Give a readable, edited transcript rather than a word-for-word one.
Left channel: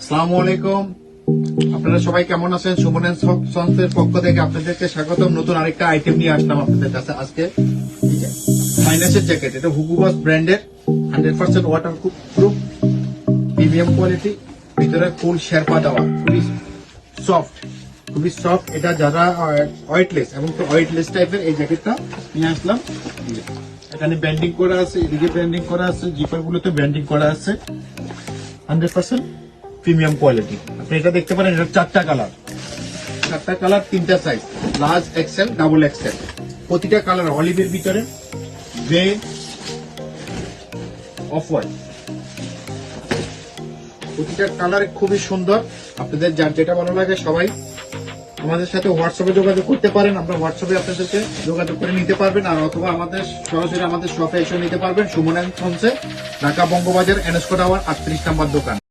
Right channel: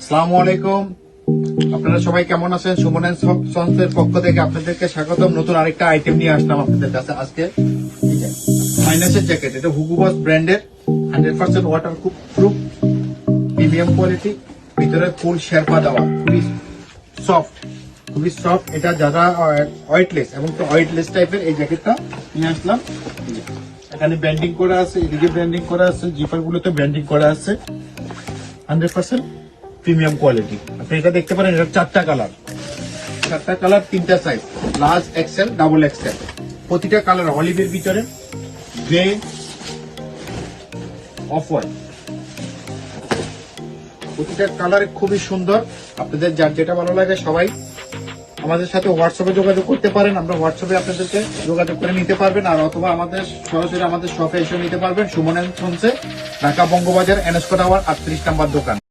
আসসালামু আলাইকুম। আপনারা সবাই কেমন আছেন? সুমন এন্ড সন্সের পক্ষ থেকে আপনাদেরকে স্বাগতম। নতুন আরেকটা আইটেম নিয়ে আসলাম আপনাদের কাছে আজকে। মাইনাসের জ্যাকেট, এটা হুগো বস ব্র্যান্ডের 100% ওয়াটার প্রুফ প্রিমিয়াম কোয়ালিটি, ভিতরে ফুল শেরপা দেওয়া, খুবই সফট। এটা যারা ওয়েটলেস এবং ওয়েটলেস টাইপের এই জ্যাকেটটা নিয়ে আসলাম। এখানে ব্র্যান্ডিং করা আছে, এদিকে ব্র্যান্ডিং করা আছে, জিপার গুলোতে ব্র্যান্ডিং করা আছে। 100% প্রিমিয়াম কোয়ালিটি। আপনি এটা দেখতে পারেন, এটা চারটা কালার, তিনটা size, large Excel, double XL. প্রতিটা কালার অলিভের ভিতরে, গ্রে, অফ হোয়াইট, প্রতিটা কালার খুবই সুন্দর। আপনাদের যার যেটা ভালো লাগে সবাই আমাদের সাথে হোয়াটসঅ্যাপে যোগাযোগ করতে পারেন। আমরা হোয়াটসঅ্যাপে আপনাদেরকে যোগাযোগ করে নিতে পারবেন, আর অথবা আমাদের সরাসরি আমাদের শপে এসে নিতে পারবেন। সুমন এন্ড সন্সে, ঢাকা বঙ্গবাজার, এনএসকো টাওয়ার, 38 নম্বর দোকান।